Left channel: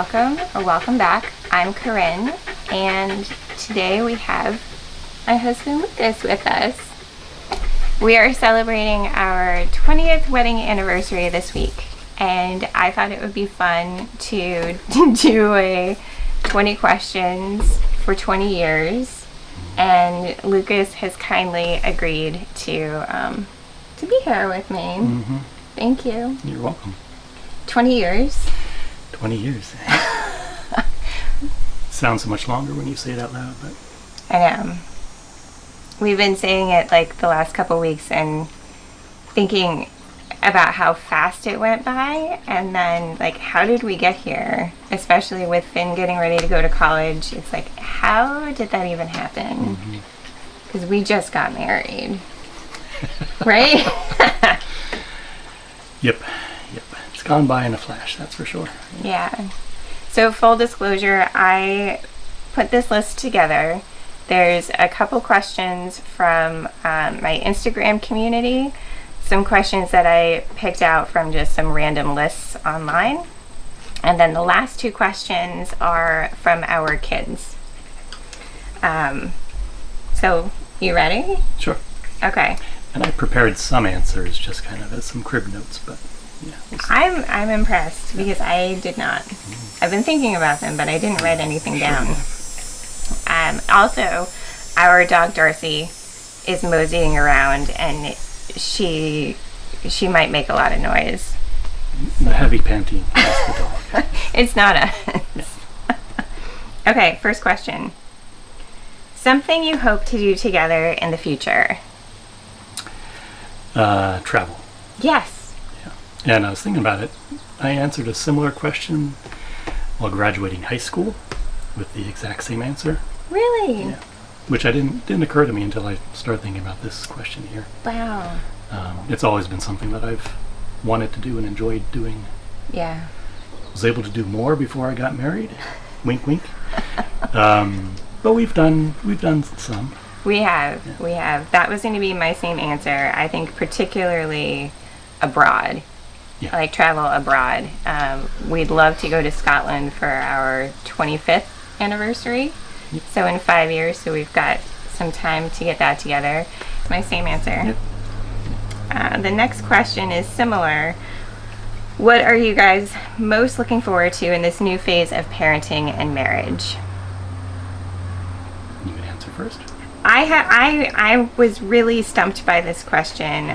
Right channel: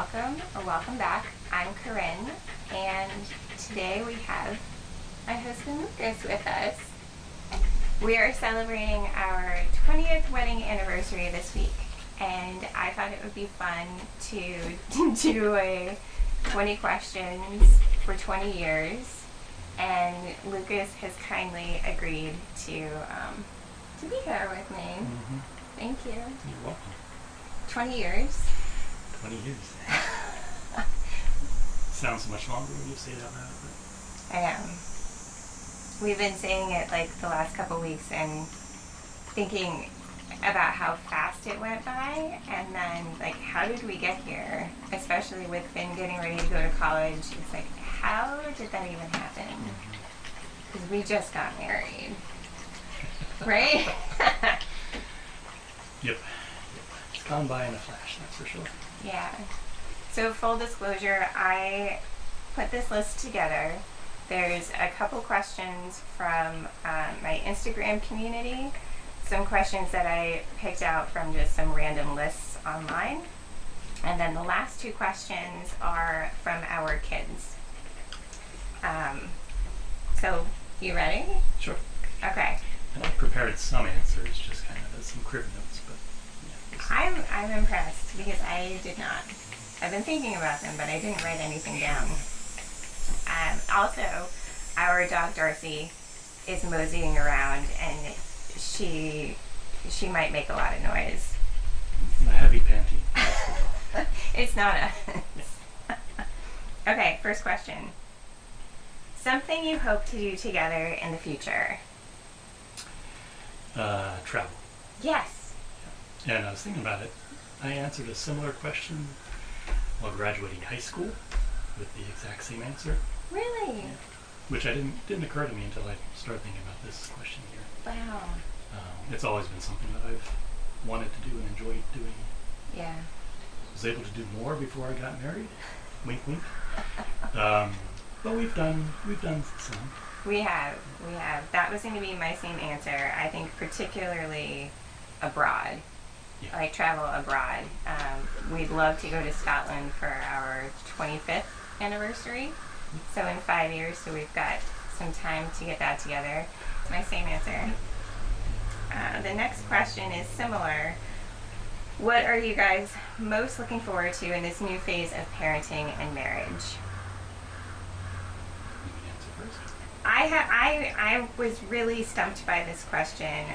welcome or welcome back. I'm Corinne, and today we have my husband Lucas with us. We are celebrating our 20th wedding anniversary this week, and I thought it would be fun to do a 20 questions for 20 years, and Lucas has kindly agreed to be here with me. Mm-hmm. Thank you. You're welcome. 20 years. 20 years. Sounds so much longer when you say it out loud, but I know. We've been saying it like the last couple weeks and thinking about how fast it went by, and then like how did we get here? Especially with Finn getting ready to go to college. It's like, how did that even happen? Because we just got married. Right? Yep. It's gone by in a flash, that's for sure. Yeah. So full disclosure, I put this list together. There's a couple questions from my Instagram community, some questions that I picked out from just some random lists online, and then the last two questions are from our kids. So, you ready? Sure. Okay. And I prepared some answers just kind of as some crib notes, but yeah. We'll see. I'm impressed because I did not. I've been thinking about them, but I didn't write anything down. Also, our dog Darcy is moseying around, and she might make a lot of noise. The heavy panting, that's the dog. It's not us. Okay, first question. Something you hope to do together in the future? Travel. Yes. Yeah. And I was thinking about it. I answered a similar question while graduating high school with the exact same answer. Really? Yeah. Which didn't occur to me until I started thinking about this question here. Wow. It's always been something that I've wanted to do and enjoyed doing. Yeah. Was able to do more before I got married. Wink, wink. But we've done some. We have. That was going to be my same answer. I think particularly abroad. Yeah. Like travel abroad. We'd love to go to Scotland for our 25th anniversary. Yep. So in 5 years, so we've got some time to get that together. My same answer. Yep. The next question is similar. What are you guys most looking forward to in this new phase of parenting and marriage? You can answer first. I was really stumped by this question.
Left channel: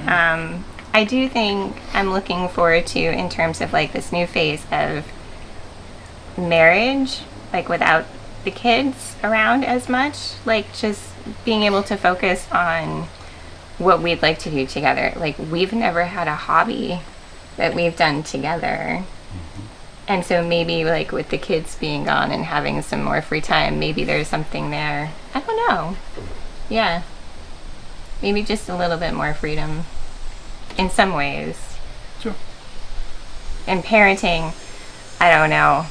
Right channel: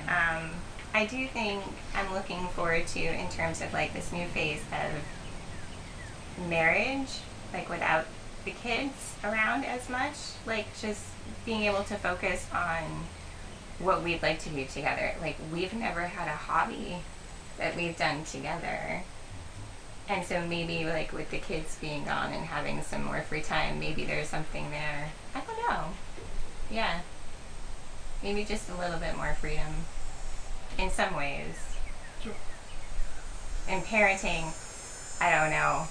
I do think I'm looking forward to, in terms of like this new phase of marriage, like without the kids around as much, like just being able to focus on what we'd like to do together. Like we've never had a hobby that we've done together. And so maybe like with the kids being gone and having some more free time, maybe there's something there. I don't know. Yeah. Maybe just a little bit more freedom in some ways. Sure. And parenting, I don't know.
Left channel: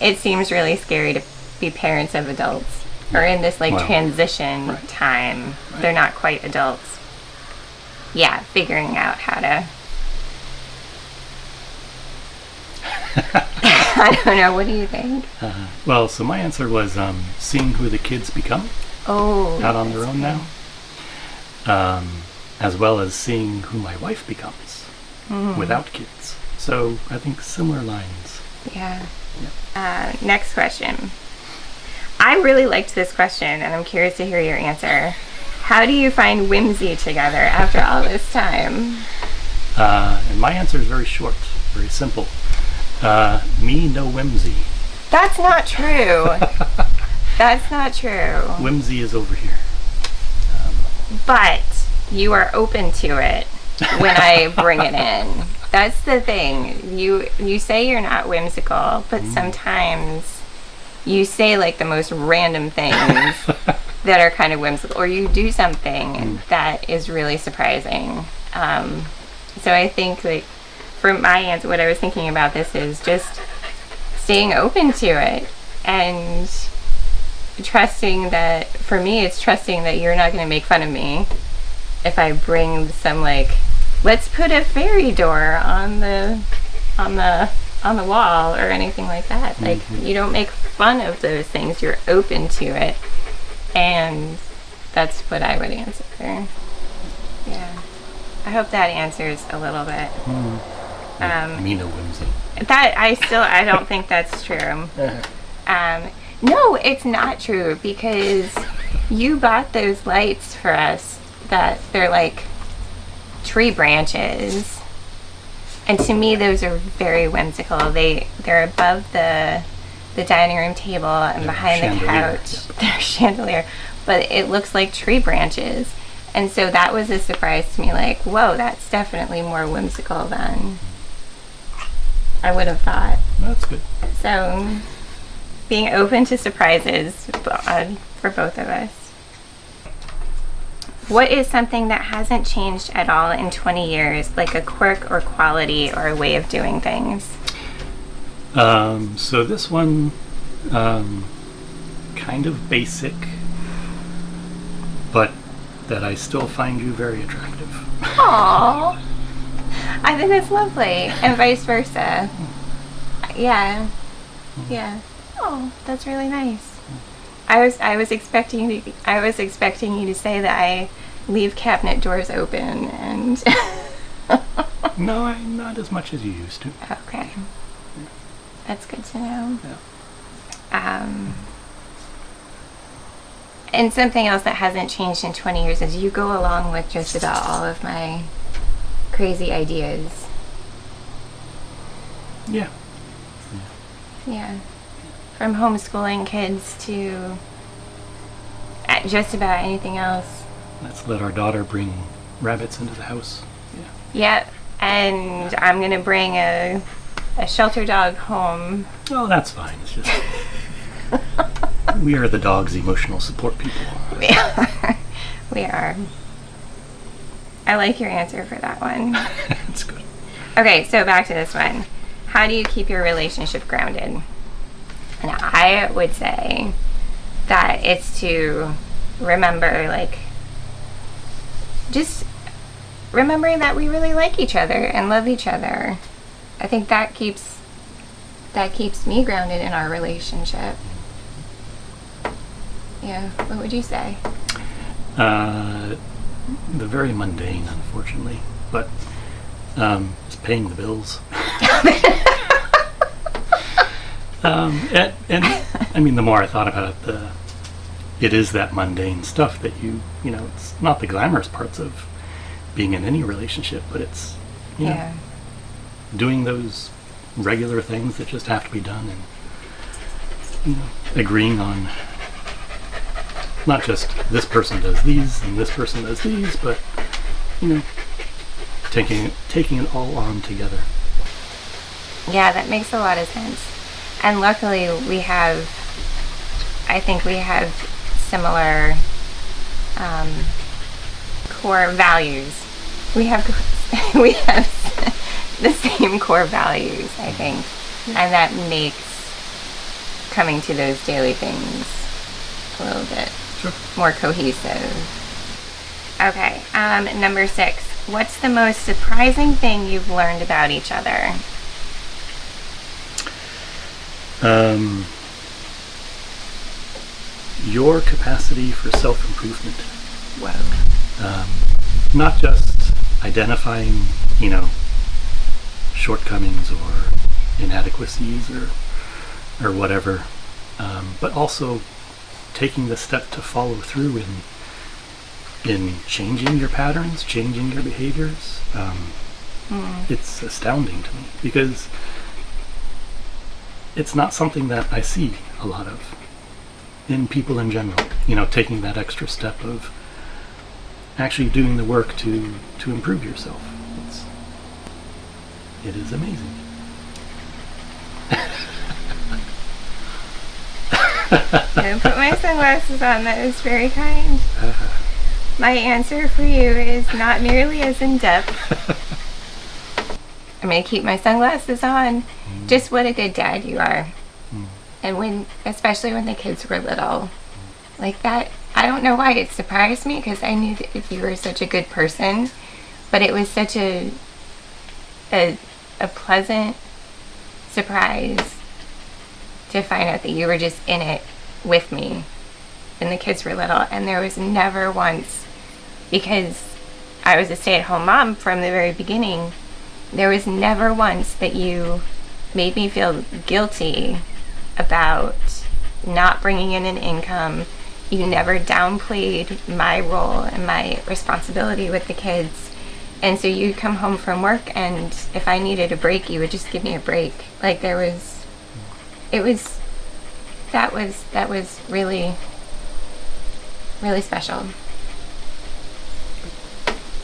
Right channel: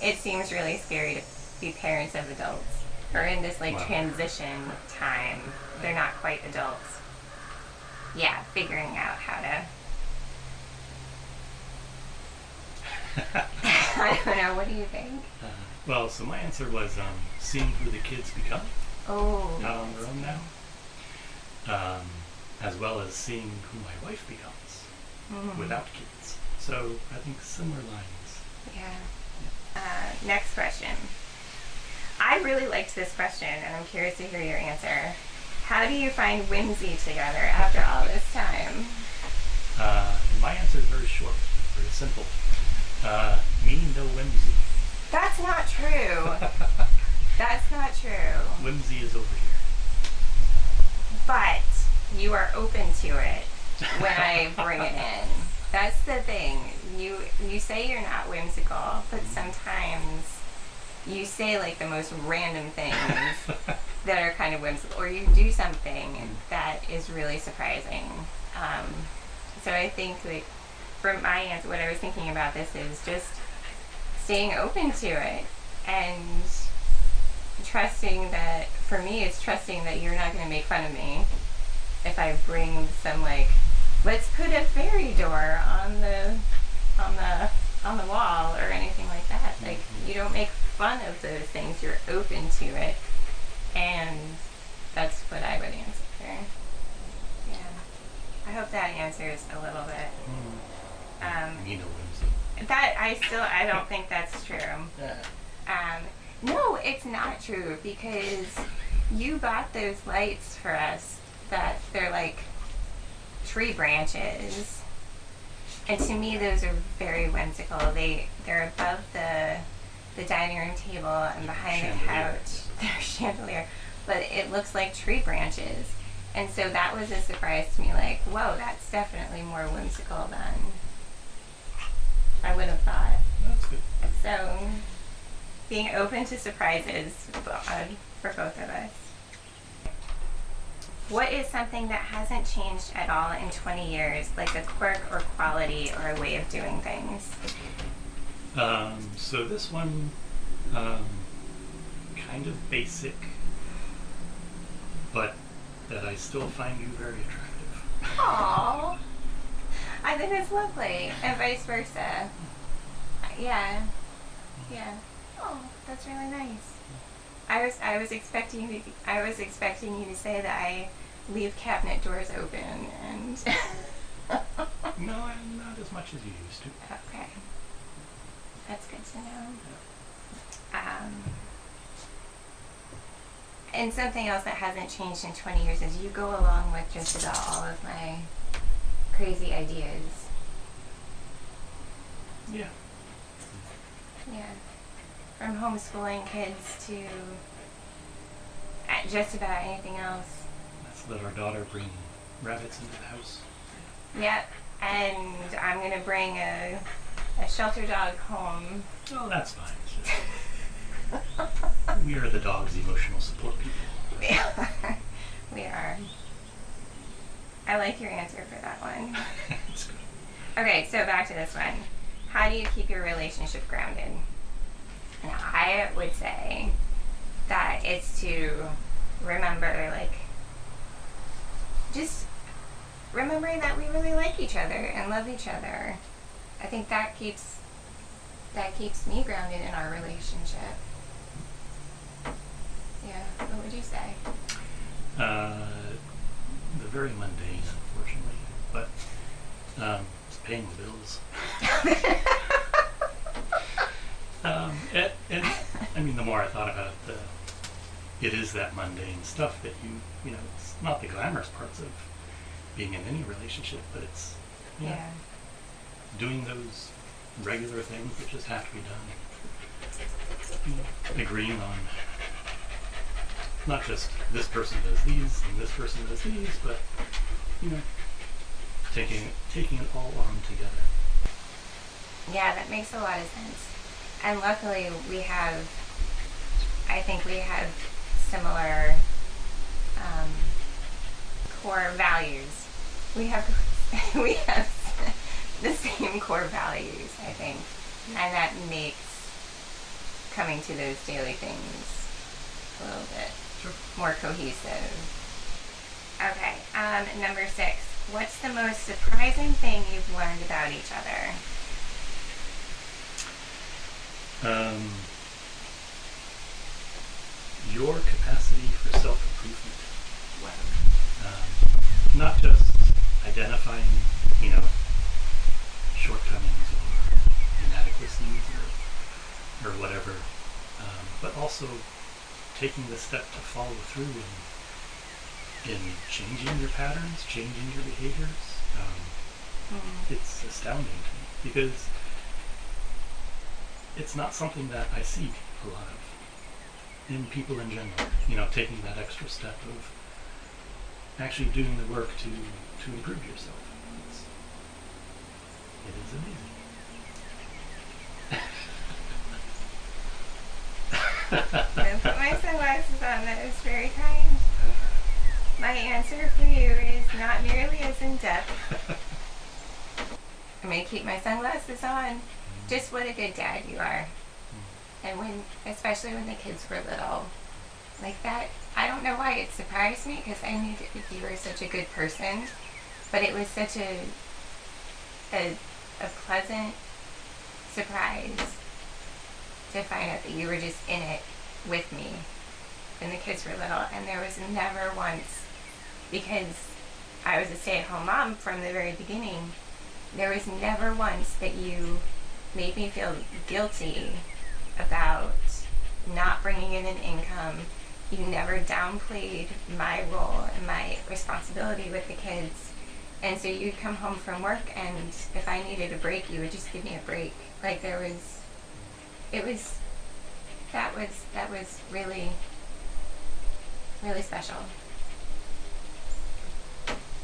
It seems really scary to be parents of adults or in this like transition time. Right. They're not quite adults. Yeah, figuring out how to I don't know. What do you think? Well, so my answer was seeing who the kids become out on their own now, as well as seeing who my wife becomes without kids. So I think similar lines. Yeah. Next question. I really liked this question, and I'm curious to hear your answer. How do you find whimsy together after all this time? And my answer is very short, very simple. Me, no whimsy. That's not true. That's not true. Whimsy is over here. But you are open to it when I bring it in. That's the thing. You say you're not whimsical, but sometimes you say like the most random things that are kind of whimsical, or you do something that is really surprising. So I think like for my answer, what I was thinking about this is just staying open to it and trusting that, for me, it's trusting that you're not going to make fun of me if I bring some like, let's put a fairy door on the on the wall or anything like that. Like, you don't make fun of those things. You're open to it. And that's what I would answer. Yeah. I hope that answers a little bit. Mina whimsy. That I don't think that's true. No, it's not true, because you bought those lights for us that they're like tree branches. And to me, those are very whimsical. They're above the dining room table and behind the couch. Yeah. They're chandelier, but it looks like tree branches. And so that was a surprise to me. Like, whoa, that's definitely more whimsical than I would have thought. That's good. So, being open to surprises for both of us. What is something that hasn't changed at all in 20 years, like a quirk or quality or a way of doing things? So this one, kind of basic, but that I still find you very attractive. Aww. I think that's lovely, and vice versa. Yeah. Yeah. Oh, that's really nice. I was expecting you to say that I leave cabinet doors open and. No, not as much as you used to. Okay. That's good to know. Yeah. And something else that hasn't changed in 20 years is you go along with just about all of my crazy ideas. Yeah. Yeah. From homeschooling kids to just about anything else. Let's let our daughter bring rabbits into the house. Yeah. Yep. And I'm going to bring a shelter dog home. Oh, that's fine. It's just we are the dog's emotional support people. We are. I like your answer for that one. That's good. Okay, so back to this one. How do you keep your relationship grounded? And I would say that it's to remember, like, just remembering that we really like each other and love each other. I think that keeps me grounded in our relationship. Yeah, what would you say? The very mundane, unfortunately, but it's paying the bills. And I mean, the more I thought about it, it is that mundane stuff that you know, it's not the glamorous parts of being in any relationship, but it's, you know, doing those regular things that just have to be done, and, you know, agreeing on not just this person does these and this person does these, but, you know, taking it all on together. Yeah, that makes a lot of sense. And luckily I think we have similar core values. We have the same core values, I think. And that makes coming to those daily things a little bit more cohesive. Okay, number 6. What's the most surprising thing you've learned about each other? Your capacity for self-improvement. Whoa. Not just identifying, you know, shortcomings or inadequacies or whatever, but also taking the step to follow through in changing your patterns, changing your behaviors. It's astounding to me because it's not something that I see a lot of in people in general. You know, taking that extra step of actually doing the work to improve yourself. It is amazing. I'm gonna put my sunglasses on. That is very kind. My answer for you is not nearly as in-depth. I'm gonna keep my sunglasses on. Just what a good dad you are. And especially when the kids were little, like that, I don't know why it surprised me, because I knew that you were such a good person, but it was such a pleasant surprise to find out that you were just in it with me when the kids were little. And there was never once, because I was a stay-at-home mom from the very beginning, there was never once that you made me feel guilty about not bringing in an income. You never downplayed my role and my responsibility with the kids. And so you'd come home from work, and if I needed a break, you would just give me a break. Like that was really, really special.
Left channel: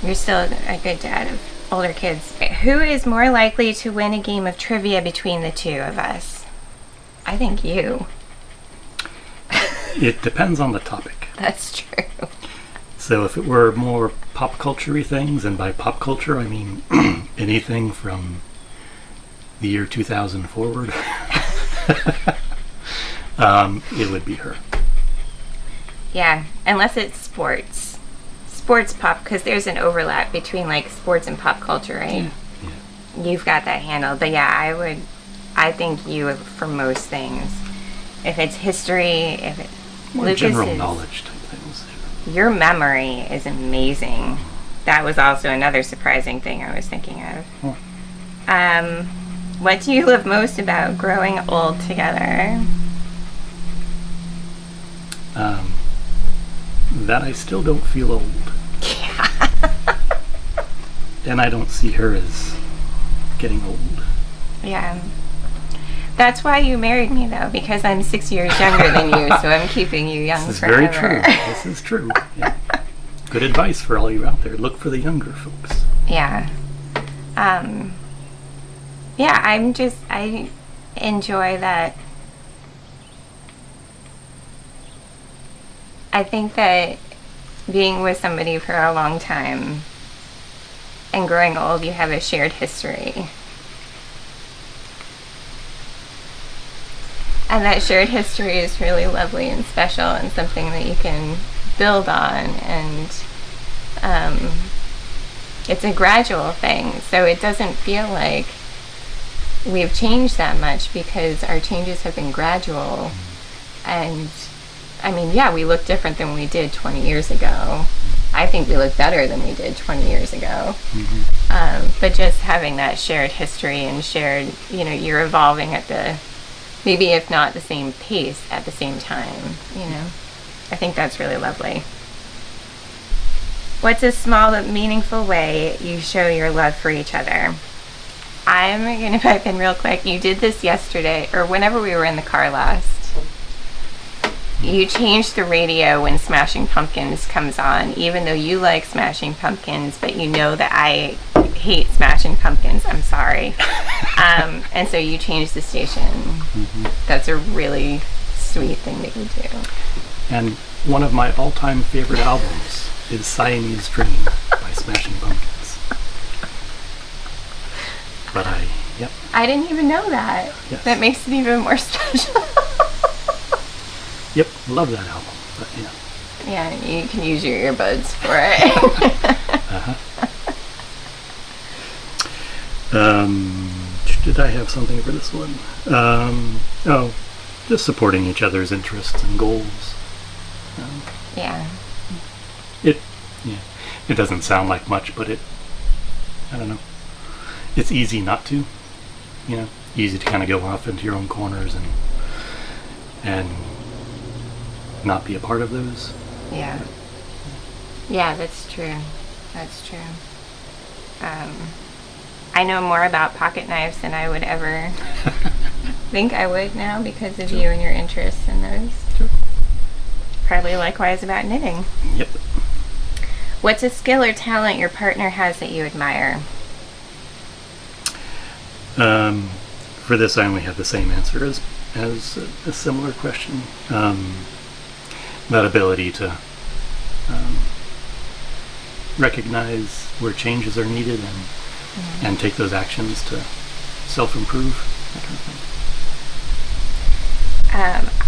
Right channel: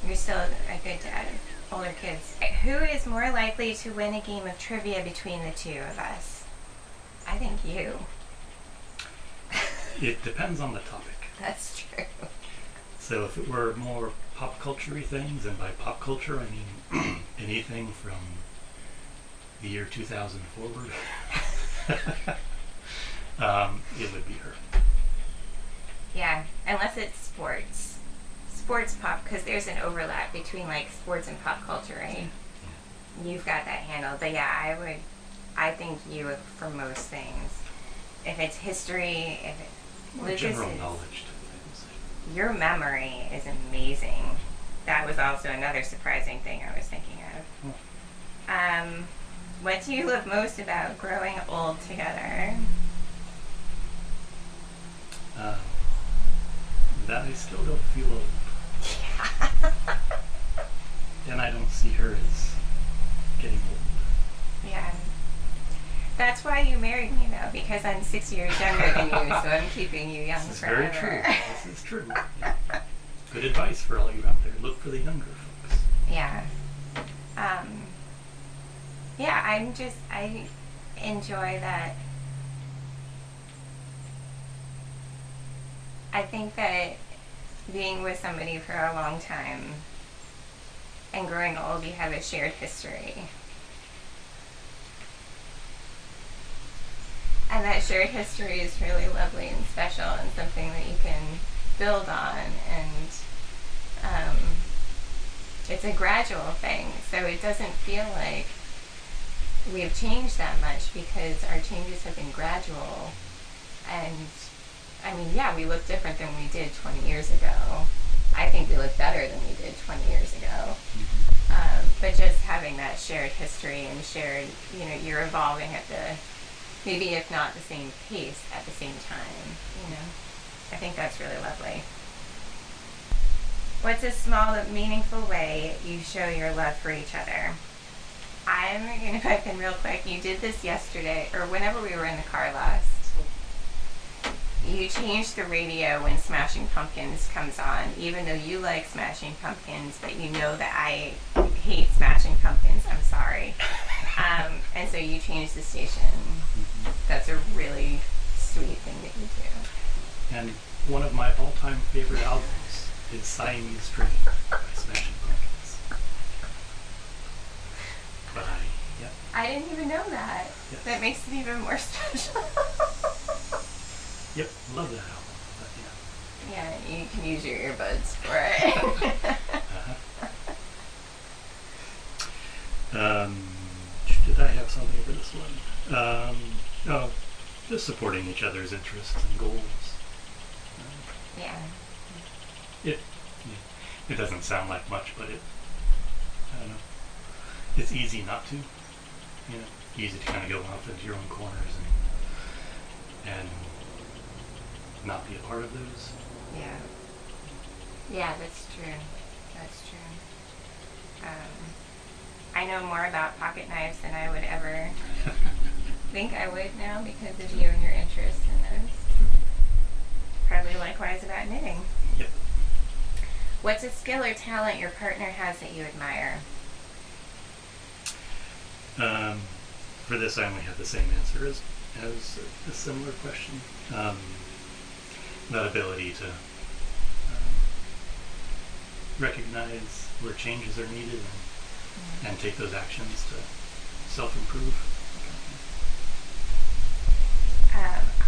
You're still a good dad of older kids. Who is more likely to win a game of trivia between the two of us? I think you. It depends on the topic. That's true. So if it were more pop culture-y things, and by pop culture I mean anything from the year 2000 forward, it would be her. Yeah, unless it's sports pop, because there's an overlap between like sports and pop culture, right? Yeah. You've got that handled. But yeah, I think you for most things. If it's history, if it More general knowledge type things. Your memory is amazing. That was also another surprising thing I was thinking of. Oh. What do you love most about growing old together? That I still don't feel old. Yeah. And I don't see her as getting old. Yeah. That's why you married me, though, because I'm 6 years younger than you, so I'm keeping you young forever. This is very true. This is true. Yeah. Good advice for all you out there. Look for the younger folks. Yeah. Yeah, I enjoy that. I think that being with somebody for a long time and growing old, you have a shared history. And that shared history is really lovely and special and something that you can build on. And it's a gradual thing. So it doesn't feel like we've changed that much because our changes have been gradual. And I mean, yeah, we look different than we did 20 years ago. I think we look better than we did 20 years ago. Mm-hmm. But just having that shared history and shared, you're evolving at maybe if not the same pace at the same time, I think that's really lovely. What's a small but meaningful way you show your love for each other? I'm going to pipe in real quick. You did this yesterday, or whenever we were in the car last. You changed the radio when Smashing Pumpkins comes on, even though you like Smashing Pumpkins, but you know that I hate Smashing Pumpkins. I'm sorry. And so you changed the station. Mm-hmm. That's a really sweet thing that you do. And one of my all-time favorite albums is Siamese Dream by Smashing Pumpkins. But I didn't even know that. Yes. That makes it even more special. Yep, love that album. But yeah, you can use your earbuds for it. Did I have something for this one? Just supporting each other's interests and goals. Yeah. It doesn't sound like much, but I don't know. It's easy not to. Easy to kind of go off into your own corners and not be a part of those. Yeah. Yeah, that's true. That's true. I know more about pocket knives than I would ever think I would now because of you and your interests in those. Sure. Probably likewise about knitting. Yep. What's a skill or talent your partner has that you admire? For this, I only have the same answer as a similar question. That ability to recognize where changes are needed and take those actions to self-improve, that kind of thing.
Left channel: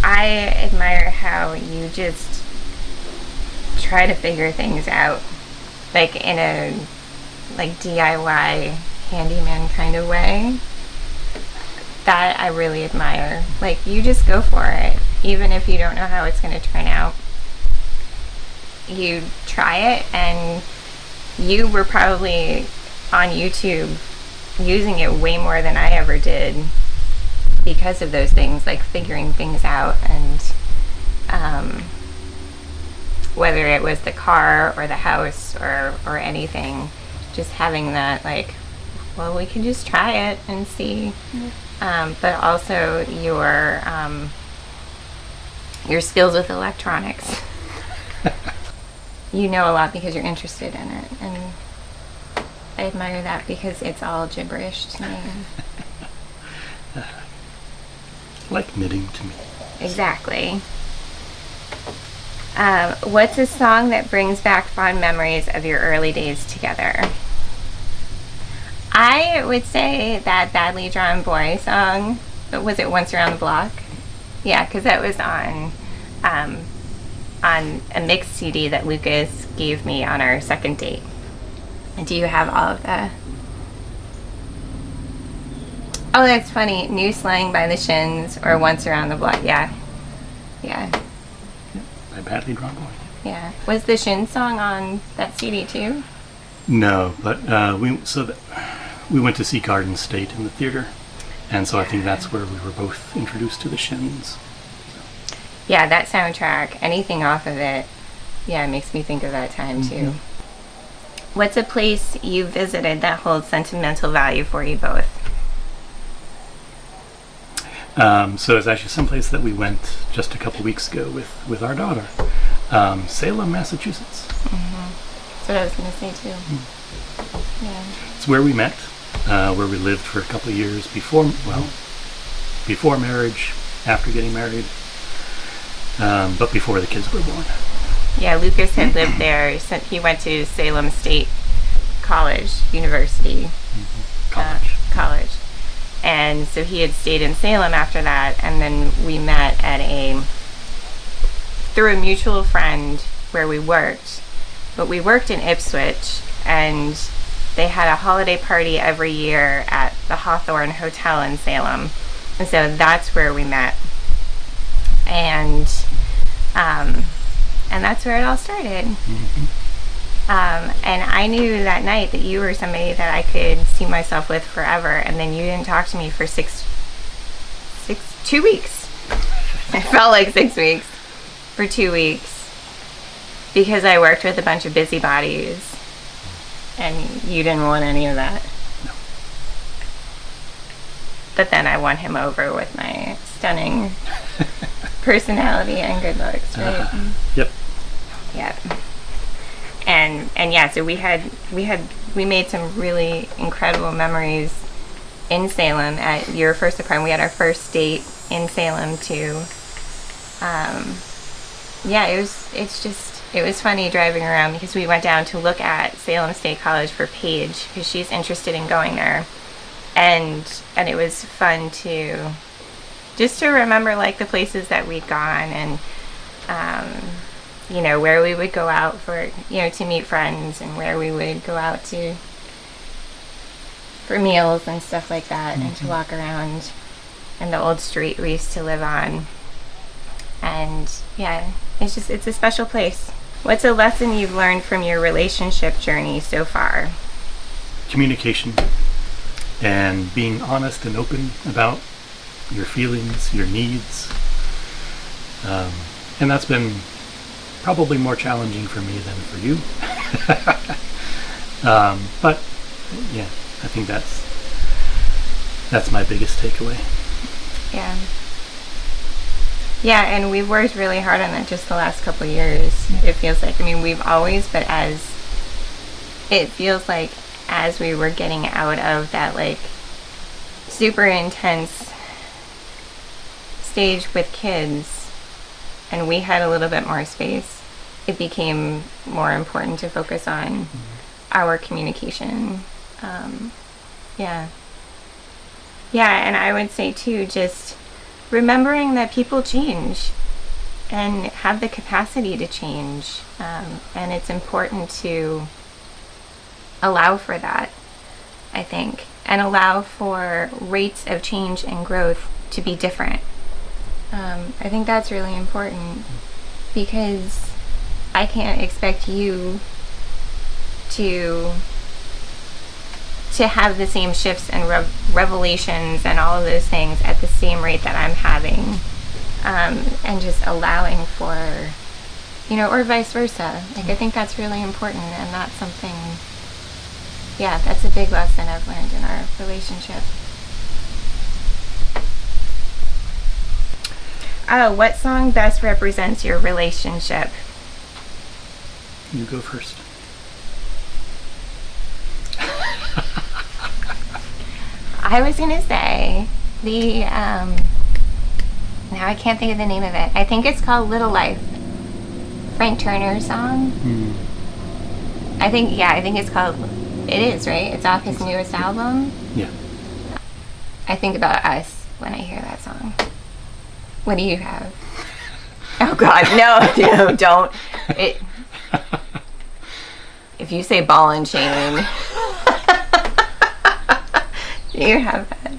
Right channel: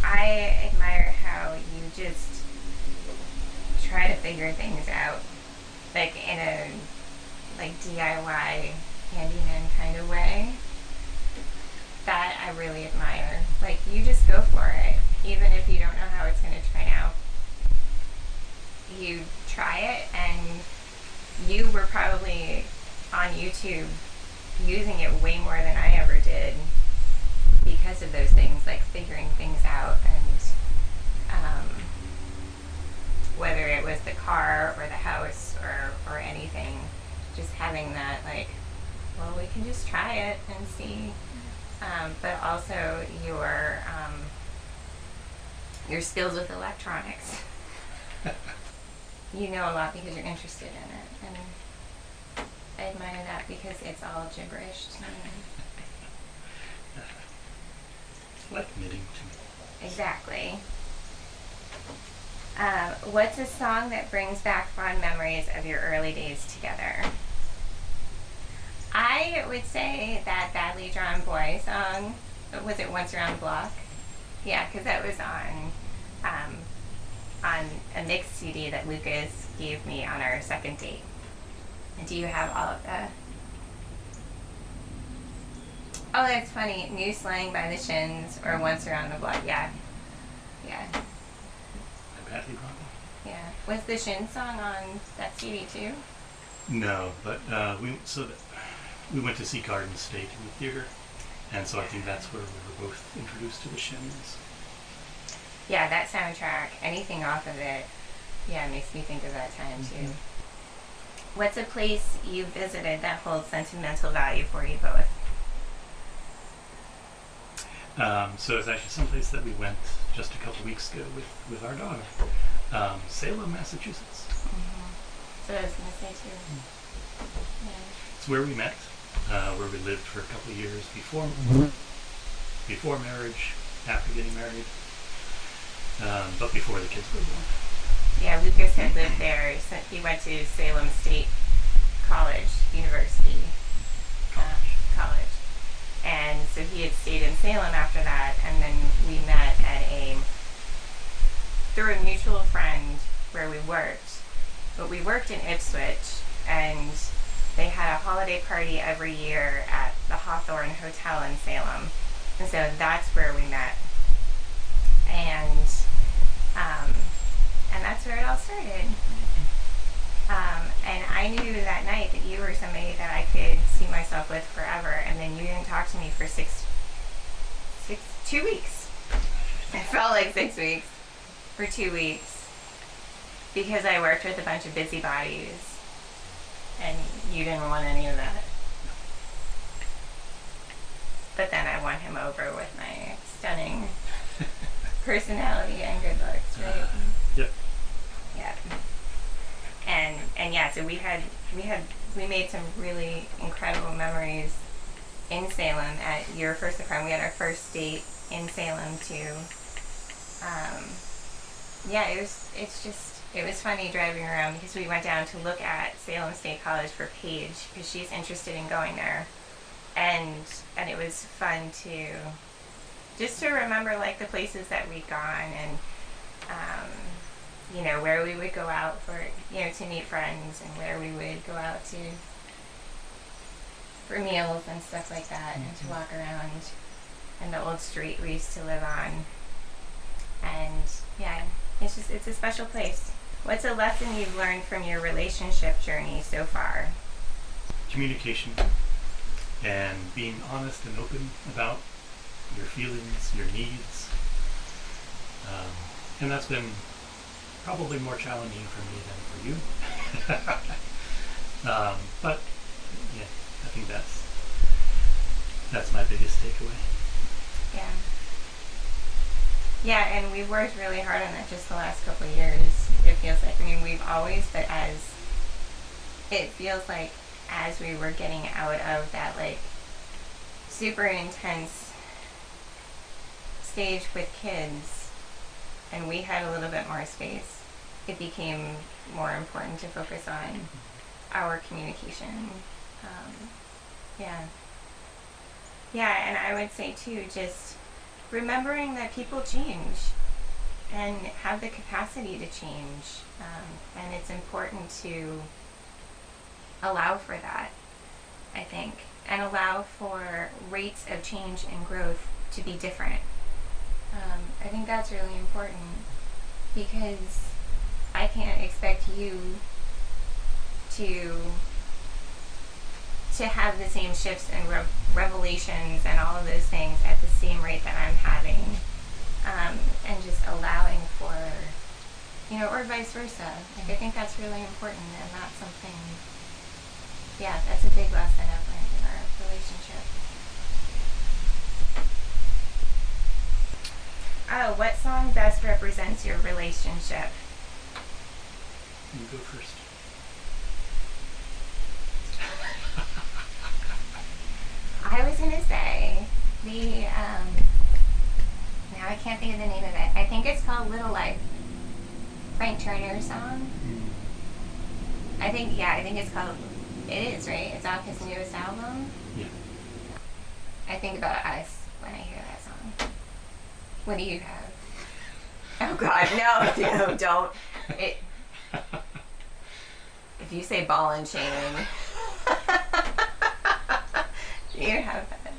I admire how you just try to figure things out, like in a DIY handyman kind of way. That I really admire. Like, you just go for it, even if you don't know how it's going to turn out. You try it, and you were probably on YouTube using it way more than I ever did because of those things, like figuring things out, and whether it was the car or the house or anything, just having that, like, well, we can just try it and see. But also your skills with electronics. You know a lot because you're interested in it, and I admire that because it's all gibberish to me. Like knitting to me. Exactly. What's a song that brings back fond memories of your early days together? I would say that Badly Drawn Boy song. Was it Once Around the Block? Yeah, because that was on a mixed CD that Lucas gave me on our second date. And do you have all of that? Oh, that's funny. New Slang by the Shins or Once Around the Block. Yeah. Yeah. By Badly Drawn Boy. Yeah. Was the Shins song on that CD too? No, but we went to see Garden State in the theater, and so I think that's where we were both introduced to the Shins. Yeah, that soundtrack, anything off of it, yeah, it makes me think of that time too. What's a place you visited that holds sentimental value for you both? So it's actually someplace that we went just a couple weeks ago with our daughter. Salem, Massachusetts. That's what I was going to say too. Yeah. It's where we met, where we lived for a couple of years before marriage, after getting married, but before the kids were born. Yeah, Lucas had lived there. He went to Salem State University. College. And so he had stayed in Salem after that, and then we met through a mutual friend where we worked. But we worked in Ipswich, and they had a holiday party every year at the Hawthorne Hotel in Salem. And so that's where we met. And that's where it all started. And I knew that night that you were somebody that I could see myself with forever, and then you didn't talk to me for 2 weeks. It felt like 6 weeks. For 2 weeks. Because I worked with a bunch of busybodies, and you didn't want any of that. No. But then I won him over with my stunning personality and good looks, right? Yep. Yep. And yeah, so we made some really incredible memories in Salem at your first apartment. We had our first date in Salem too. Yeah, it was funny driving around because we went down to look at Salem State College for Paige because she's interested in going there, and it was fun to just to remember like the places that we'd gone, and where we would go out for to meet friends, and where we would go out for meals and stuff like that, and to walk around, and the old street we used to live on. And yeah, it's a special place. What's a lesson you've learned from your relationship journey so far? Communication and being honest and open about your feelings, your needs. And that's been probably more challenging for me than for you. But yeah, I think that's my biggest takeaway. Yeah. Yeah, and we've worked really hard on that just the last couple of years. It feels like, we've always, but it feels like as we were getting out of that like super intense stage with kids, and we had a little bit more space, it became more important to focus on our communication. Yeah, and I would say too, just remembering that people change and have the capacity to change, and it's important to allow for that, I think. and allow for rates of change and growth to be different. I think that's really important, because I can't expect you to have the same shifts and revelations and all of those things at the same rate that I'm having, and just allowing for, or vice versa. Like, I think that's really important, and that's something, that's a big lesson I've learned in our relationship. Oh, what song best represents your relationship? You go first. I was going to say the, now I can't think of the name of it. I think it's called Little Life. Frank Turner song. I think it's called, it is, right? It's off his newest album. Yeah. I think about us when I hear that song. What do you have? Oh God, no, don't. If you say ball and chain, you have that.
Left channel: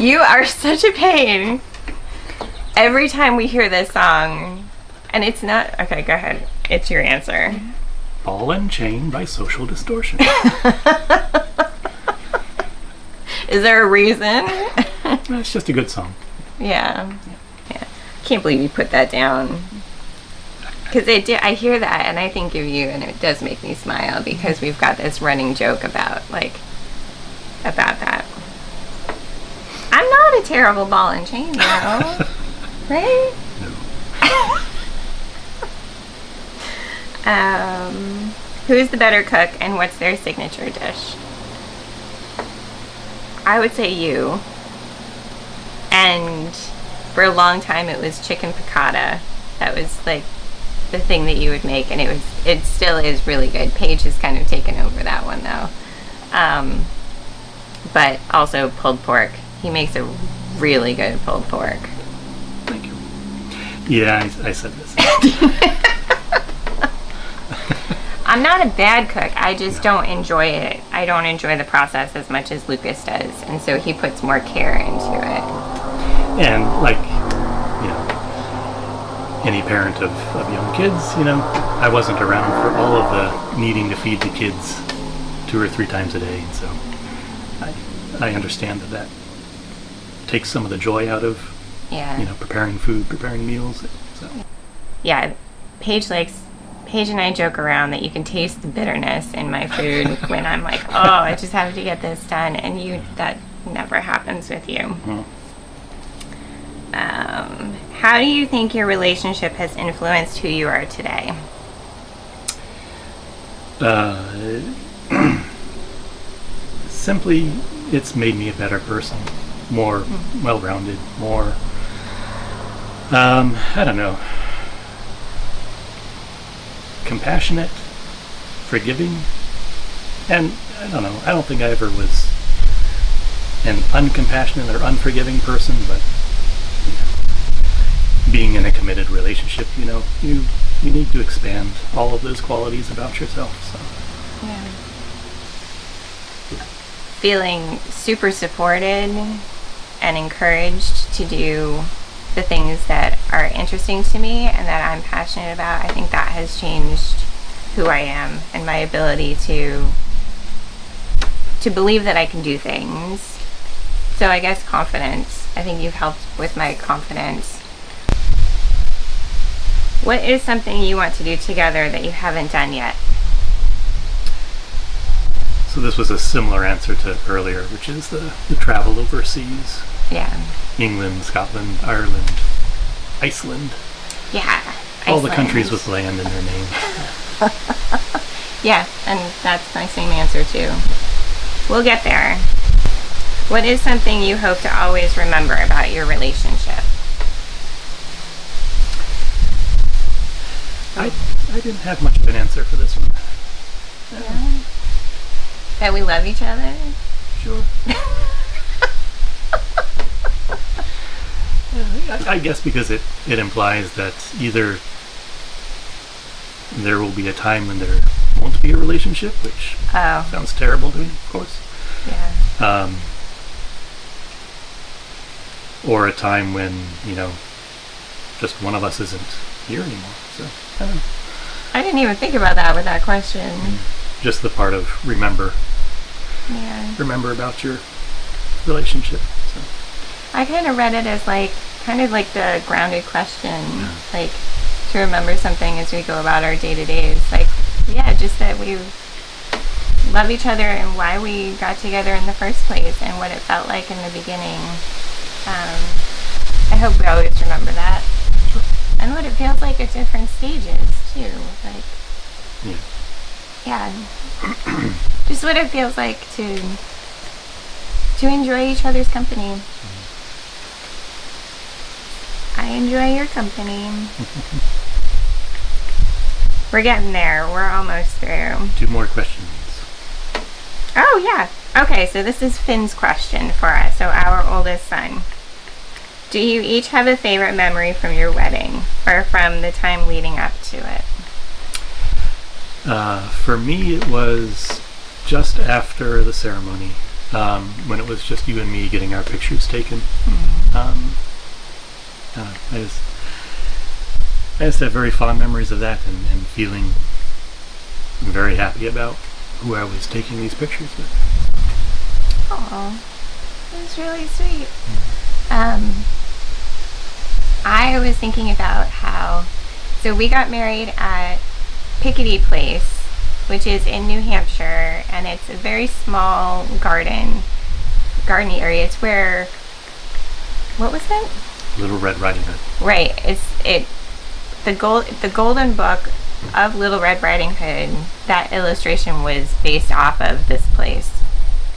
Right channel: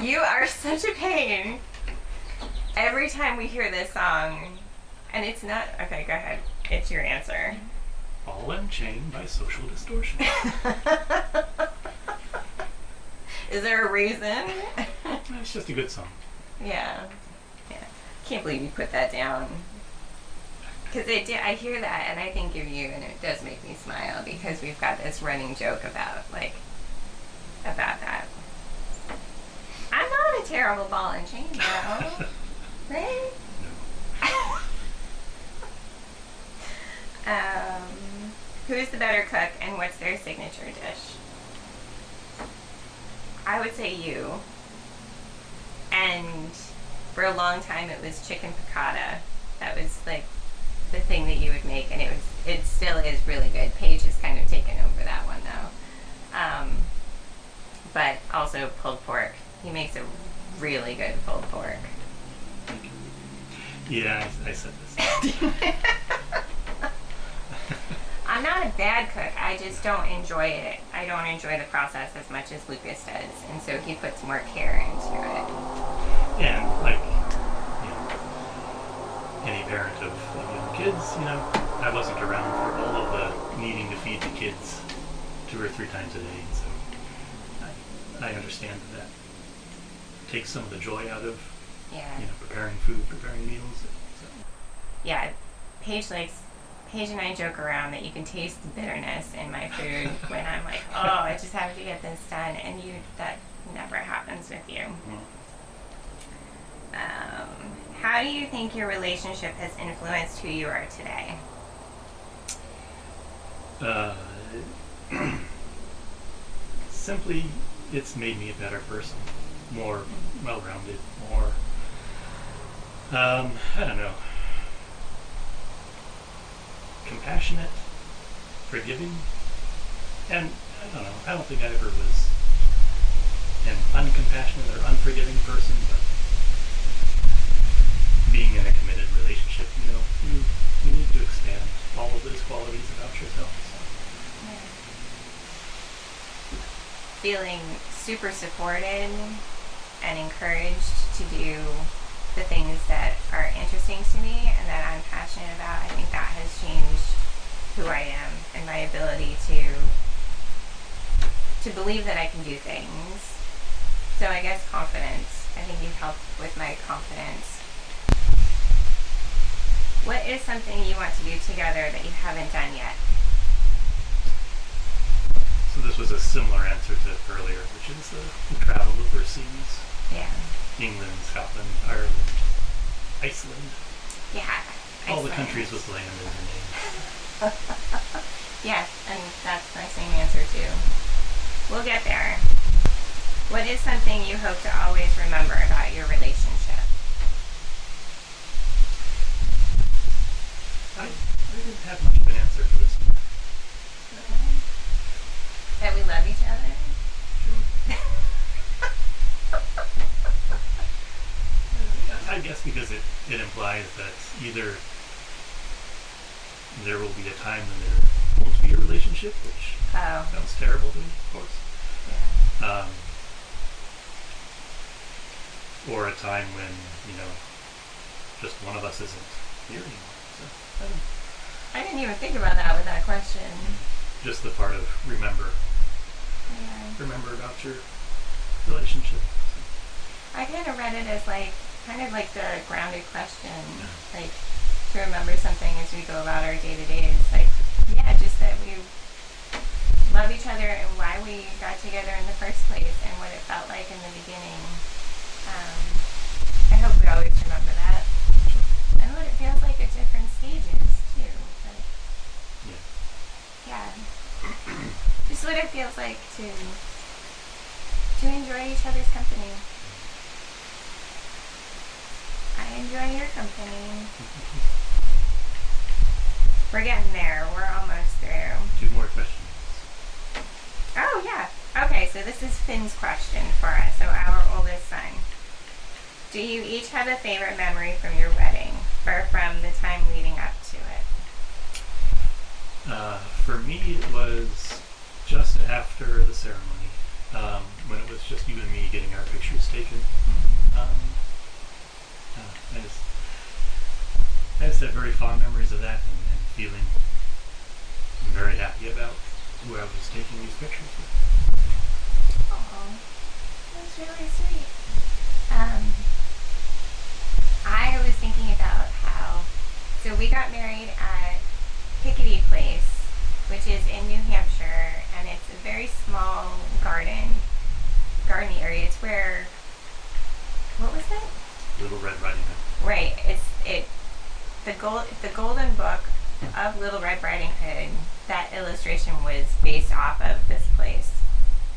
You are such a pain. Every time we hear this song, and it's not, okay, go ahead. It's your answer. Ball and Chain by Social Distortion. Is there a reason? It's just a good song. Yeah. Can't believe you put that down. Because I hear that and I think of you, and it does make me smile, because we've got this running joke about that. I'm not a terrible ball and chain, right? No. Who's the better cook, and what's their signature dish? I would say you. And for a long time it was chicken piccata. That was like the thing that you would make, and it still is really good. Paige has kind of taken over that one though. But also pulled pork. He makes a really good pulled pork. Thank you. Yeah, I said this. I'm not a bad cook. I just don't enjoy it. I don't enjoy the process as much as Lucas does, and so he puts more care into it. And any parent of young kids, I wasn't around for all of the needing to feed the kids 2 or 3 times a day, and so I understand that takes some of the joy out of preparing food, preparing meals. So. Yeah, Paige and I joke around that you can taste the bitterness in my food when I'm like, oh, I just have to get this done, and that never happens with you. Mm-hmm. How do you think your relationship has influenced who you are today? Simply, it's made me a better person, more well-rounded, more, I don't know, compassionate, forgiving, and I don't know, I don't think I ever was an uncompassionate or unforgiving person, but being in a committed relationship, you need to expand all of those qualities about yourself. So. Yeah. Feeling super supported and encouraged to do the things that are interesting to me and that I'm passionate about, I think that has changed who I am and my ability to believe that I can do things. So I guess confidence. I think you've helped with my confidence. What is something you want to do together that you haven't done yet? So this was a similar answer to earlier, which is the travel overseas. Yeah. England, Scotland, Ireland, Iceland. Yeah. All Iceland. the countries with land in their names. Yeah, and that's my same answer too. We'll get there. What is something you hope to always remember about your relationship? I didn't have much of an answer for this one. Yeah. That we love each other? Sure. I guess because it implies that either there will be a time when there won't be a relationship, which sounds terrible to me, of course. Yeah. Or a time when, just one of us isn't here anymore. So, I don't know. I didn't even think about that with that question. Just the part of remember about your relationship. So. I kind of read it as kind of like the grounded question, like to remember something as we go about our day-to-days. Like, just that we love each other and why we got together in the first place and what it felt like in the beginning. I hope we always remember that. Sure. And what it feels like at different stages, too. Just what it feels like to enjoy each other's company. I enjoy your company. We're getting there. We're almost through. 2 more questions. Oh, yeah. Okay, so this is Finn's question for us, so our oldest son. Do you each have a favorite memory from your wedding or from the time leading up to it? For me, it was just after the ceremony, when it was just you and me getting our pictures taken. I just have very fond memories of that and feeling very happy about who I was taking these pictures with. Oh, that's really sweet. I was thinking about so we got married at Pickety Place, which is in New Hampshire, and it's a very small garden area. It's where, what was it? Little Red Riding Hood. Right. The Golden Book of Little Red Riding Hood. That illustration was based off of this place.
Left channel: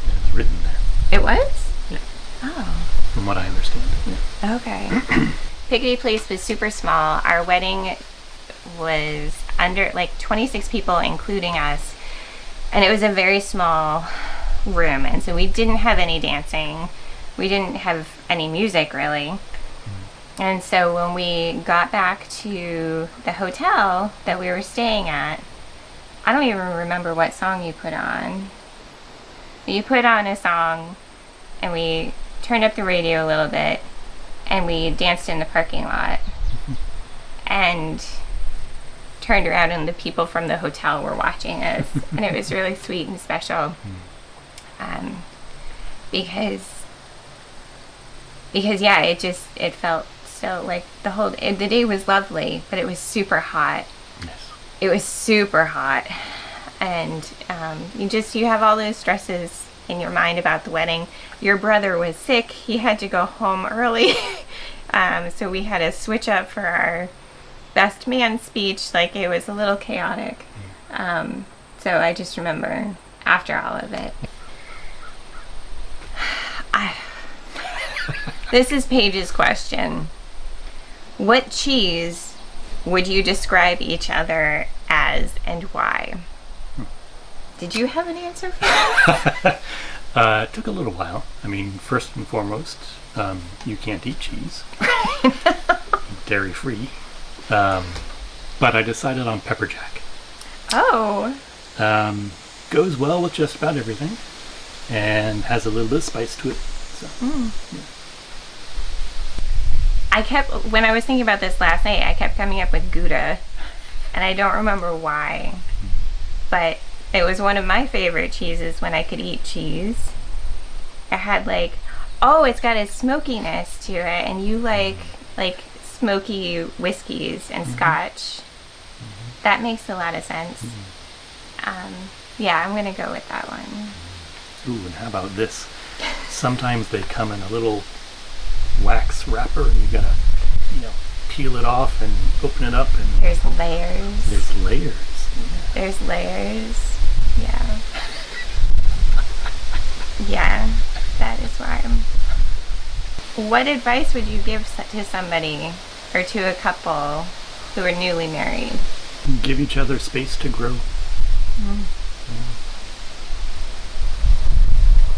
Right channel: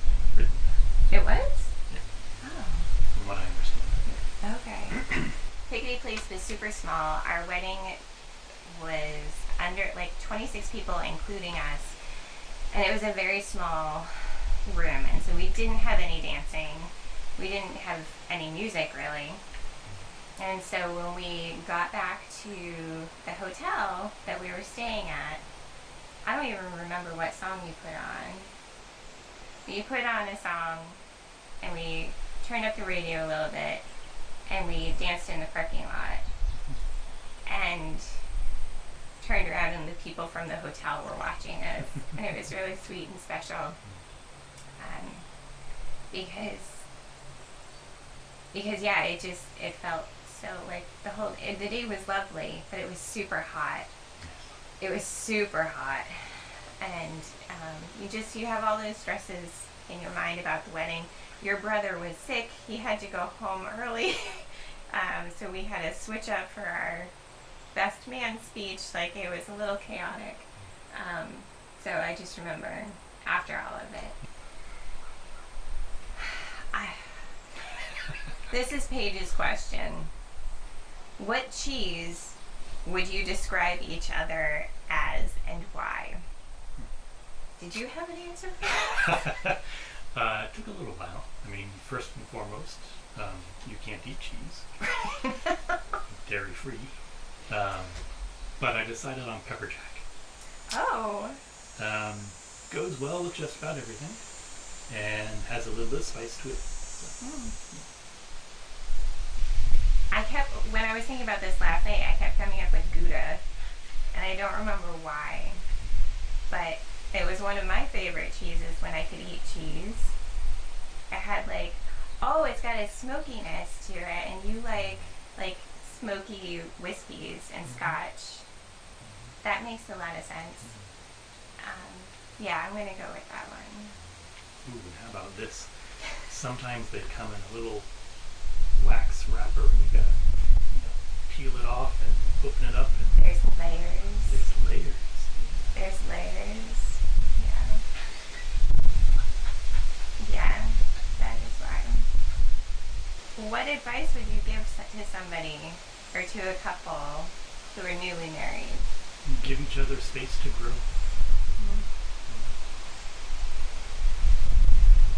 It was written there. It was? Yeah. Oh. From what I understand. Yeah. Okay. Pickety Place was super small. Our wedding was under 26 people, including us, and it was a very small room. And so we didn't have any dancing. We didn't have any music really. And so when we got back to the hotel that we were staying at, I don't even remember what song you put on. But you put on a song, and we turned up the radio a little bit, and we danced in the parking lot, and turned around, and the people from the hotel were watching us, and it was really sweet and special, because it felt so like the day was lovely, but it was super hot. Yes. It was super hot, and you have all those stresses in your mind about the wedding. Your brother was sick; he had to go home early, so we had to switch up for our best man speech. It was a little chaotic. So I just remember after all of it. This is Paige's question. What cheese would you describe each other as and why? Did you have an answer for that? It took a little while. I mean, first and foremost, you can't eat cheese. Dairy-free. But I decided on pepper jack. Oh. Goes well with just about everything. And has a little bit of spice to it. So, yeah. When I was thinking about this last night, I kept coming up with Gouda, and I don't remember why, but it was one of my favorite cheeses when I could eat cheese. It had it's got a smokiness to it, and you like smoky whiskeys and scotch. That makes a lot of sense. I'm gonna go with that one. Ooh, and how about this? Sometimes they come in a little wax wrapper, and you gotta, peel it off and open it up, and there's layers. There's layers. Yeah. There's layers. Yeah. Yeah, that is why. What advice would you give to somebody or to a couple who are newly married? Give each other space to grow.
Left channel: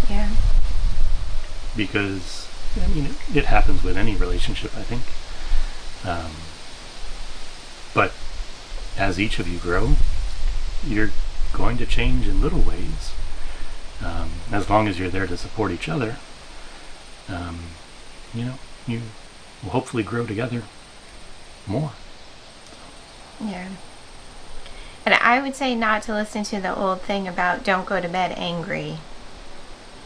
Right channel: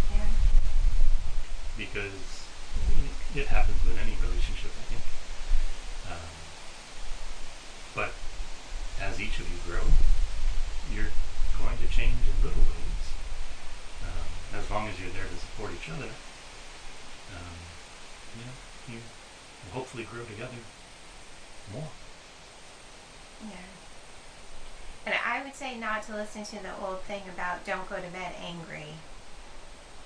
Yeah. Because it happens with any relationship, I think. But as each of you grow, you're going to change in little ways. as long as you're there to support each other, you will hopefully grow together more. Yeah. And I would say not to listen to the old thing about don't go to bed angry,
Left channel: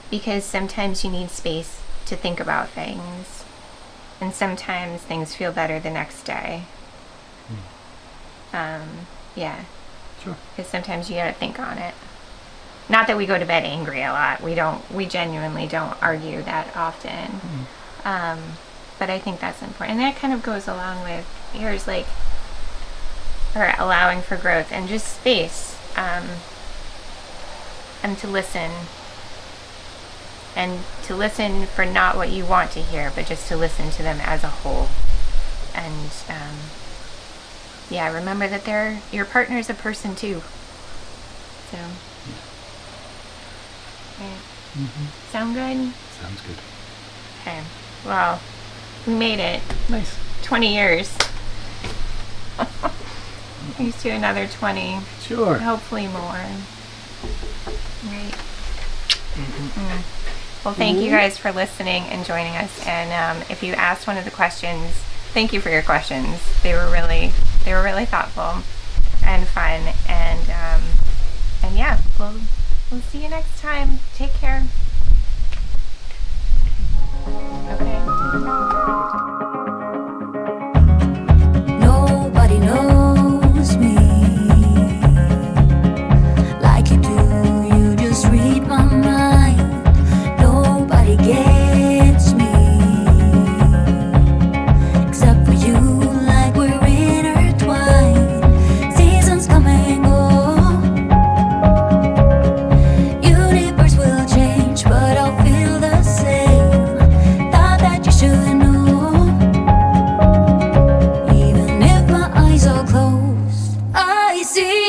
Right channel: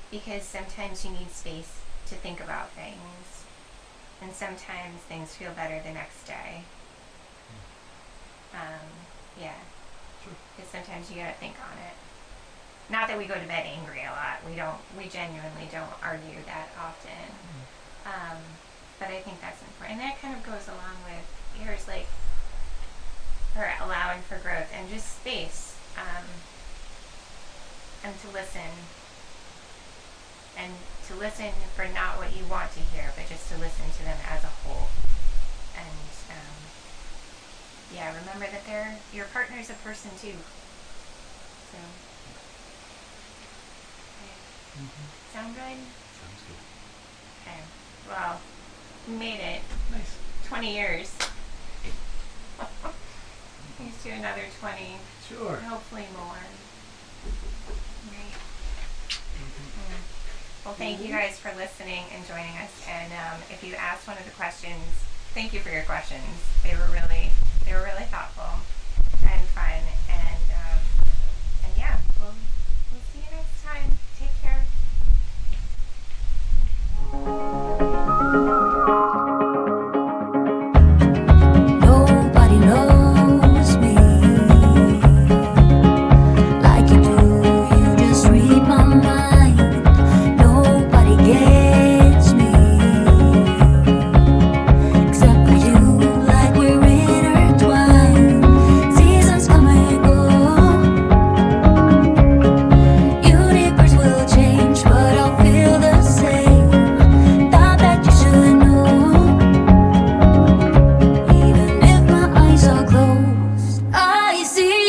because sometimes you need space to think about things, and sometimes things feel better the next day. Yeah. Sure. Because sometimes you gotta think on it. Not that we go to bed angry a lot. We genuinely don't argue that often. But I think that's important. And that kind of goes along with yours, like, or allowing for growth and just space. And to listen. And to listen for not what you want to hear, but just to listen to them as a whole. And, yeah, remember that your partner's a person too. So, okay. Sound good? Sounds good. Okay. Well, we made it. Nice. 20 years. Here's to another 20. Sure. Hopefully more. Right. Well, thank you guys for listening and joining us. And if you asked one of the questions, thank you for your questions. They were really thoughtful and fun. And yeah, we'll see you next time. Take care. Nobody knows me like you do. You just read my mind. Nobody gets me except for you. Like we're intertwined. Seasons come and go. Universe will change, but I'll feel the same. Thought that you should know. Even if my eyes are closed, I see